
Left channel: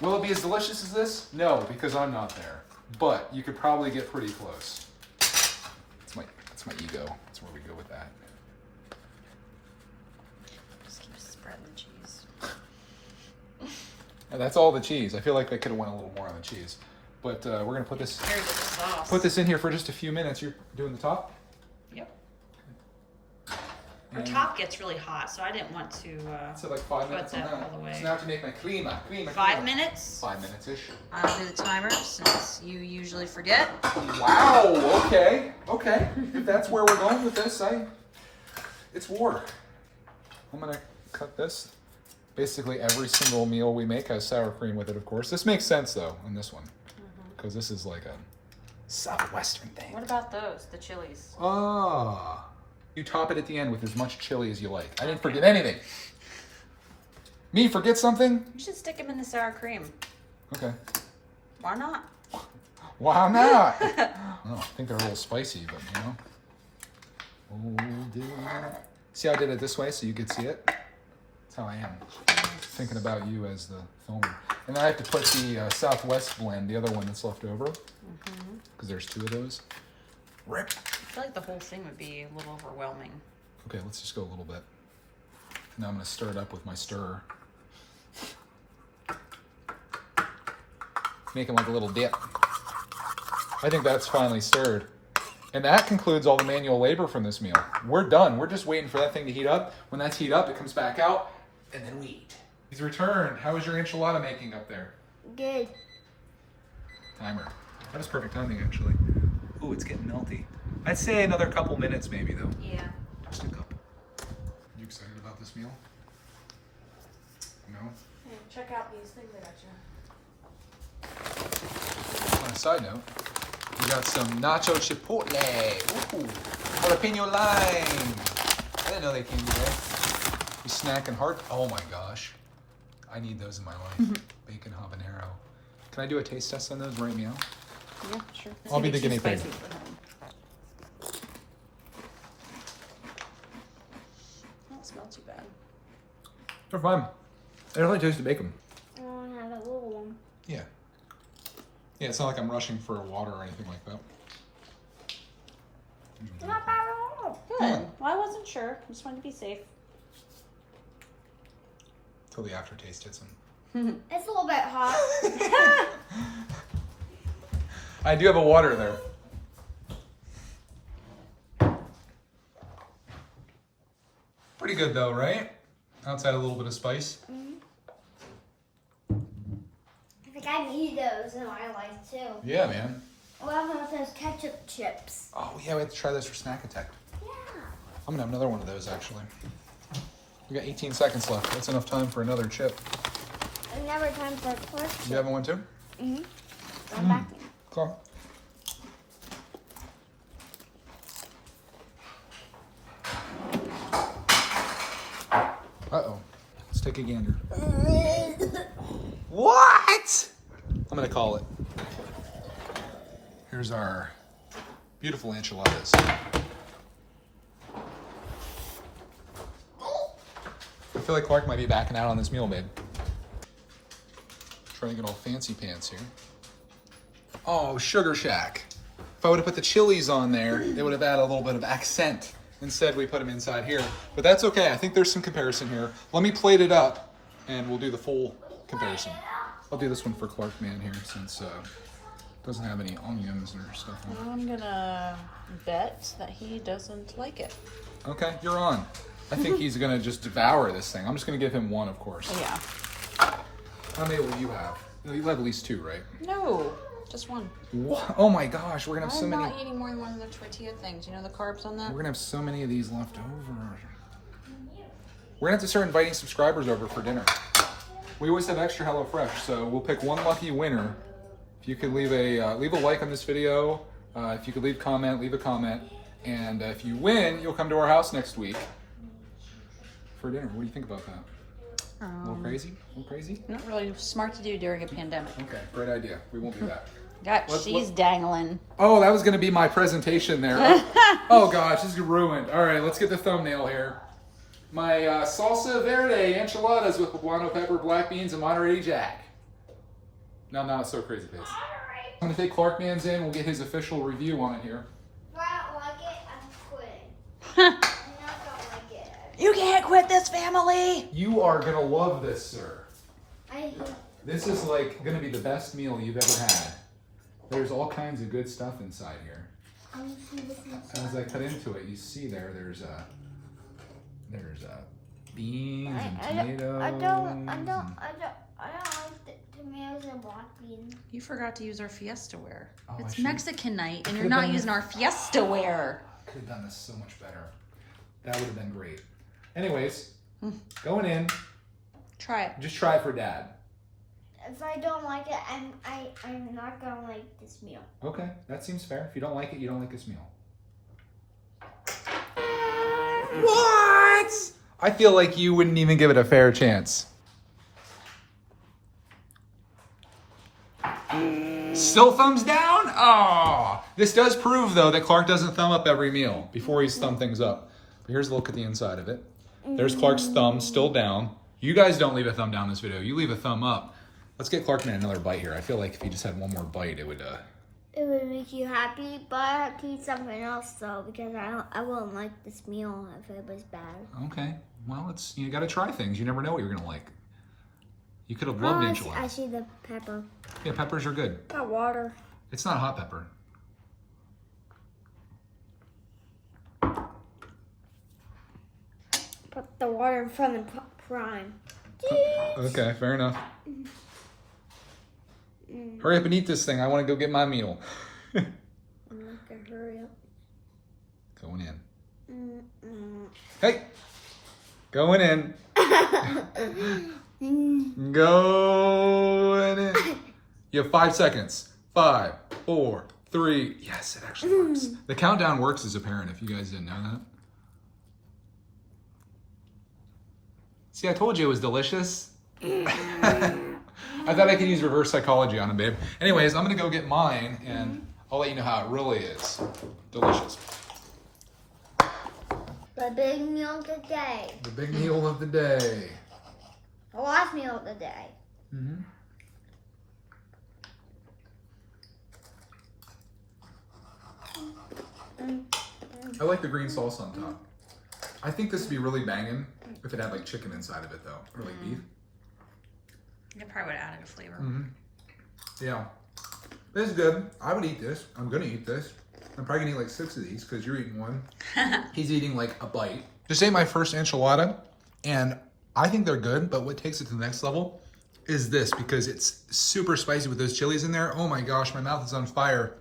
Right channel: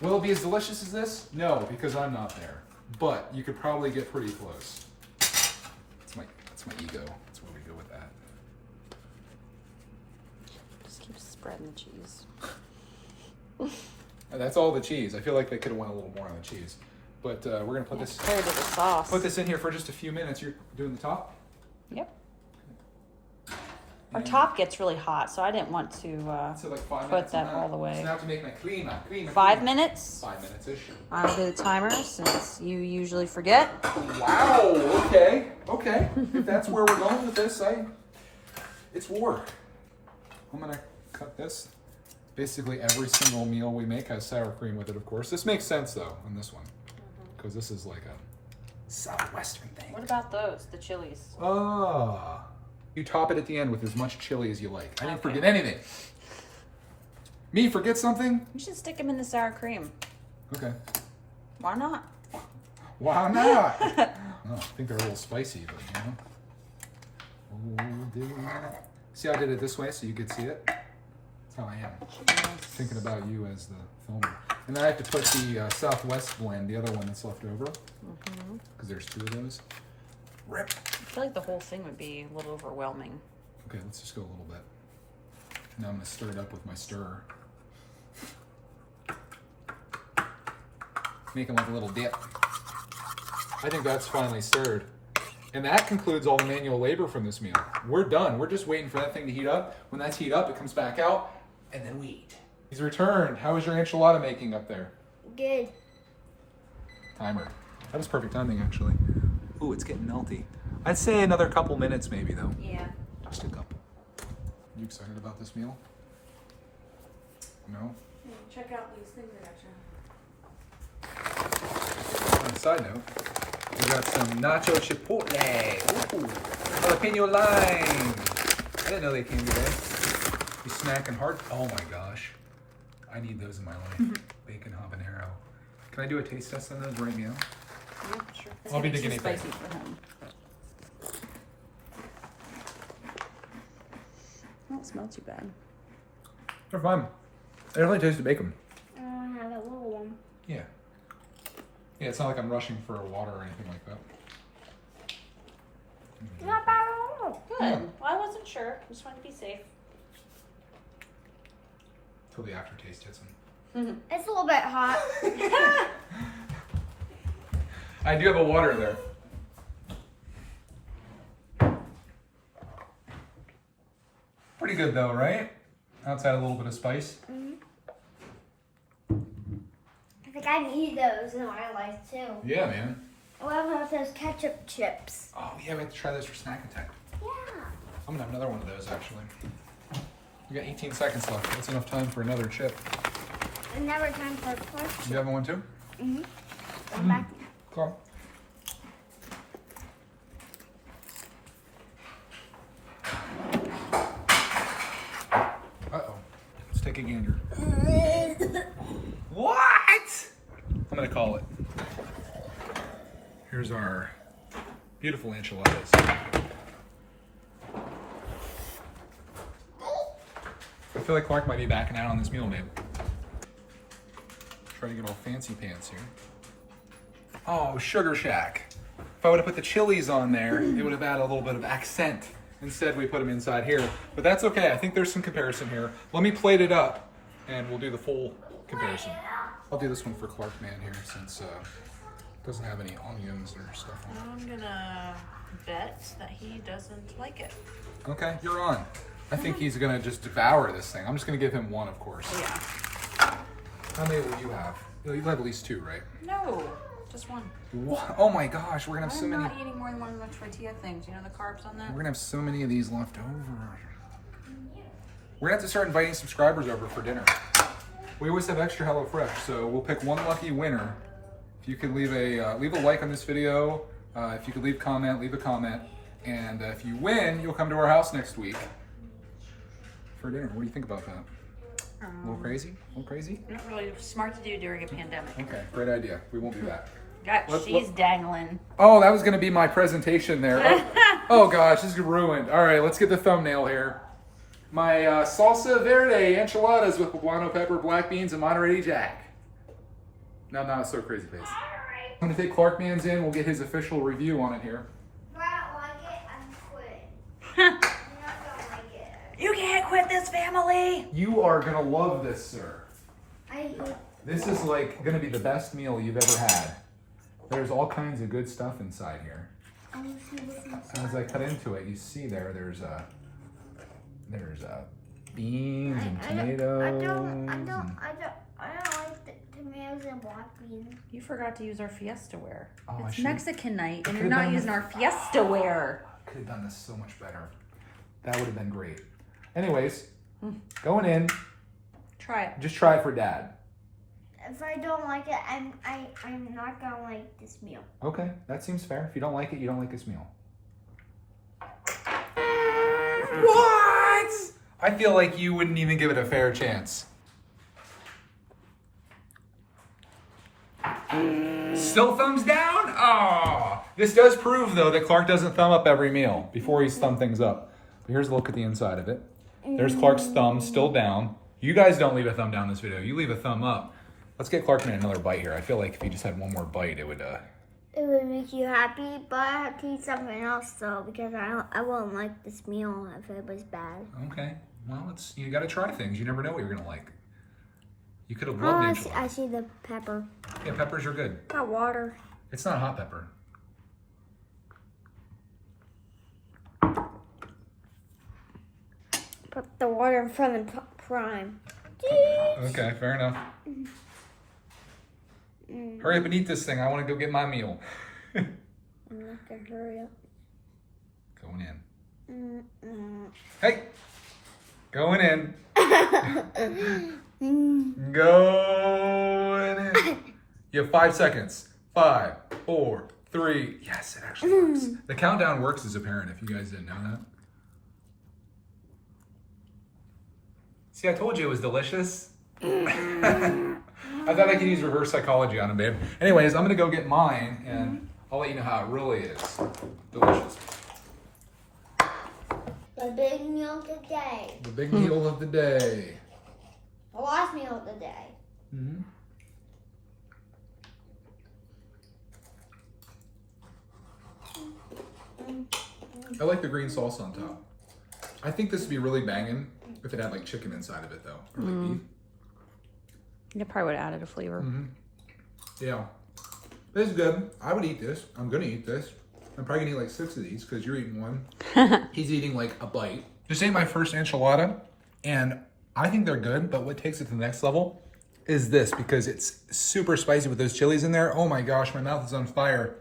Will it be as delicious as this? No, because I'm not there. But you could probably get pretty close. That's my ego. That's where we go with that. Just keep spreading the cheese. And that's all the cheese. I feel like they could have went a little more on the cheese. But we're gonna put this in here for just a few minutes. You're doing the top? Yep. Our top gets really hot, so I didn't want to So like 5 put minutes on that all the way. So now I have to make my crema. 5 minutes. 5 minutes-ish. I'll do the timer since you usually forget. Wow, okay. If that's where we're going with this, it's war. I'm gonna cut this. Basically every single meal we make has sour cream with it, of course. This makes sense though, in this one. Because this is like a Southwestern thing. What about those? The chilies? Ah. You top it at the end with as much chili as you like. I didn't forget anything. Me forget something? You should stick them in the sour cream. Okay. Why not? Why not? Well, I think they're a little spicy, but you know. See how I did it this way so you could see it? That's how I am. Thinking about you as the filmer. And then I have to put the Southwest blend, the other one that's left over. Because there's 2 of those. Rip. I feel like the whole thing would be a little overwhelming. Okay, let's just go a little bit. Now I'm going to stir it up with my stirrer. Make it like a little dip. I think that's finally stirred. And that concludes all the manual labor from this meal. We're done. We're just waiting for that thing to heat up. When that's heated up, it comes back out, and then we eat. He's returned. How is your enchilada making up there? Good. Timer. That was perfect timing, actually. Ooh, it's getting melty. I'd say another couple minutes maybe, though. Yeah. Just a couple. You excited about this meal? No? Check out these things I got you. On a side note, we got some nacho chipotle. Ooh, jalapeno lime. I didn't know they came today. We snacking hard. Oh my gosh. I need those in my life. Bacon habanero. Can I do a taste test on those right now? Yeah, sure. I'll be the guinea pig. Don't smell too bad. They're fine. I definitely taste the bacon. I don't have a little one. Yeah. Yeah, it's not like I'm rushing for water or anything like that. Not bad at all. Good. Well, I wasn't sure. Just wanted to be safe. Till the aftertaste hits them. It's a little bit hot. I do have a water there. Pretty good though, right? Outside a little bit of spice. I think I need those in my life too. Yeah, man. What about those ketchup chips? Oh yeah, we have to try this for Snack Attack. Yeah. I'm gonna have another one of those actually. We got 18 seconds left. That's enough time for another chip. Another time for a push. You having one too? One back. Cool. Uh-oh. Let's take a gander. What? I'm gonna call it. Here's our beautiful enchiladas. I feel like Clark might be backing out on this meal, babe. Trying to get all fancy pants here. Oh, Sugar Shack. If I would have put the chilies on there, it would have added a little bit of accent. Instead, we put them inside here. But that's okay. I think there's some comparison here. Let me plate it up, and we'll do the full comparison. I'll do this one for Clark Man here, since it doesn't have any onions or stuff on it. I'm gonna bet that he doesn't like it. Okay, you're on. I think he's gonna just devour this thing. I'm just gonna give him one, of course. Yeah. How many will you have? You have at least 2, right? No, just one. What? Oh my gosh, we're gonna have so I'm many. not eating more than one of the tortilla things. You know the carbs on that? We're gonna have so many of these left over. We're gonna have to start inviting subscribers over for dinner. We always have extra HelloFresh, so we'll pick one lucky winner. If you could leave a like on this video, if you could leave a comment, and if you win, you'll come to our house next week for dinner. What do you think about that? A little crazy? A little crazy? Not really smart to do during a pandemic. Okay, great idea. We won't be back. She's dangling. Oh, that was going to be my presentation there. Oh gosh, this is ruined. All right, let's get the thumbnail here. My Salsa Verde Enchiladas with poblano pepper, black beans, and Monterey Jack. No, not so crazy face. I'm going to take Clark Man's in. We'll get his official review on it here. If I don't like it, I'm quitting. I don't like it. You can't quit this family. You are going to love this, sir. I hate This is like going to be the best meal you've ever had. There's all kinds of good stuff inside here. As I cut into it, you see there's beans and tomatoes. I don't like the tomatoes and black beans. You forgot to use our Fiesta ware. Oh, I It's should- Mexican night, and I you're could've not done using it. our Fiesta ware. Could have done this so much better. That would have been great. Anyways, going in. Try it. Just try it for Dad. If I don't like it, I'm not gonna like this meal. Okay, that seems fair. If you don't like it, you don't like this meal. What? I feel like you wouldn't even give it a fair chance. Still thumbs down? Oh, this does prove though that Clark doesn't thumb up every meal before he's thumbed things up. But here's a look at the inside of it. There's Clark's thumb still down. You guys don't leave a thumb down this video. You leave a thumb up. Let's get Clark another bite here. I feel like if he just had one more bite, it would. It would make you happy, but I have to eat something else though because I won't like this meal if it was bad. Okay. Well, you got to try things. You never know what you're gonna like. You could have Oh, loved I enchiladas. see the pepper. Yeah, peppers are good. Got water. It's not hot pepper. Put the water in front of prime. Okay, fair enough. Hurry up and eat this thing. I want to go get my meal. I'm not gonna hurry up. Going in. Hey! Going in. Going in. You have 5 seconds. 5, 4, 3. Yes, it actually works. The countdown works as a parent, if you guys didn't know that. See, I told you it was delicious. I thought I could use reverse psychology on him, babe. Anyways, I'm gonna go get mine, and I'll let you know how it really is. Delicious. The big meal of the day. The big meal of the day. The last meal of the day. Mm-hmm. I like the green sauce on top. I think this would be really banging if it had like chicken inside of it though, or like beef. That probably would have added a flavor. Mm-hmm. Yeah. This is good. I would eat this. I'm gonna eat this. I'm probably gonna eat like 6 of these because you're eating one. He's eating like a bite. This ain't my first enchilada, and I think they're good, but what takes it to the next level is this because it's super spicy with those chilies in there. Oh my gosh, my mouth is on fire.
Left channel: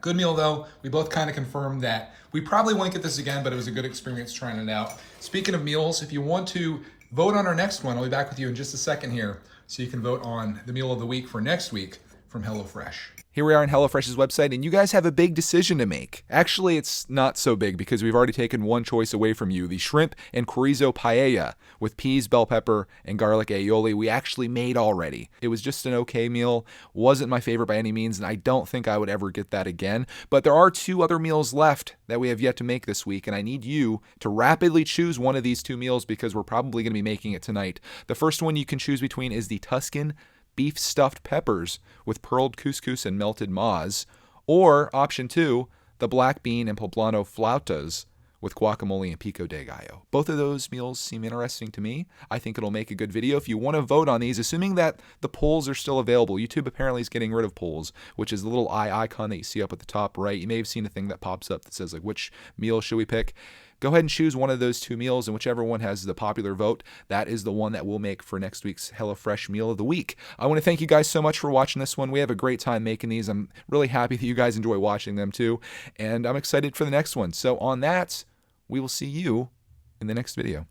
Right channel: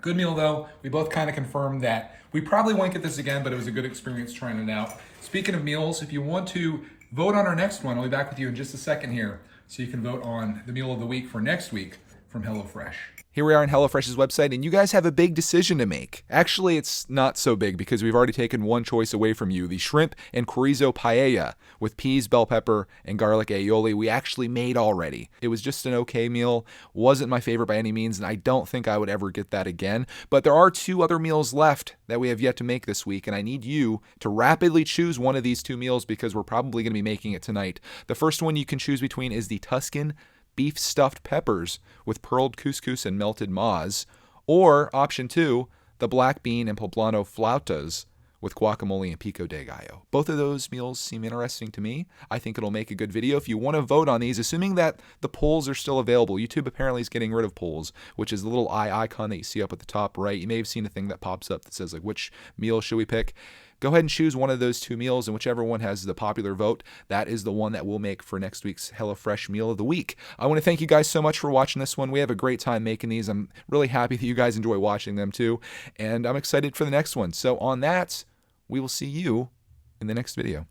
Good meal though. We both kind of confirmed that we probably won't get this again, but it was a good experience trying it out. Speaking of meals, if you want to vote on our next one, I'll be back with you in just a second here so you can vote on the meal of the week for next week from HelloFresh. Here we are on HelloFresh's website, and you guys have a big decision to make. Actually, it's not so big because we've already taken one choice away from you, the shrimp and chorizo paella with peas, bell pepper, and garlic aioli we actually made already. It was just an okay meal, wasn't my favorite by any means, and I don't think I would ever get that again. But there are 2 other meals left that we have yet to make this week, and I need you to rapidly choose one of these 2 meals because we're probably going to be making it tonight. The first one you can choose between is the Tuscan beef stuffed peppers with pearled couscous and melted maize, or option 2, the black bean and poblano flautas with guacamole and pico de gallo. Both of those meals seem interesting to me. I think it'll make a good video. If you want to vote on these, assuming that the polls are still available, YouTube apparently is getting rid of polls, which is the little eye icon that you see up at the top right. You may have seen a thing that pops up that says like, which meal should we pick? go ahead and choose one of those 2 meals, and whichever one has the popular vote, that is the one that we'll make for next week's HelloFresh Meal of the Week. I want to thank you guys so much for watching this one. We have a great time making these. I'm really happy that you guys enjoy watching them too, and I'm excited for the next one. So on that, we will see you in the next video.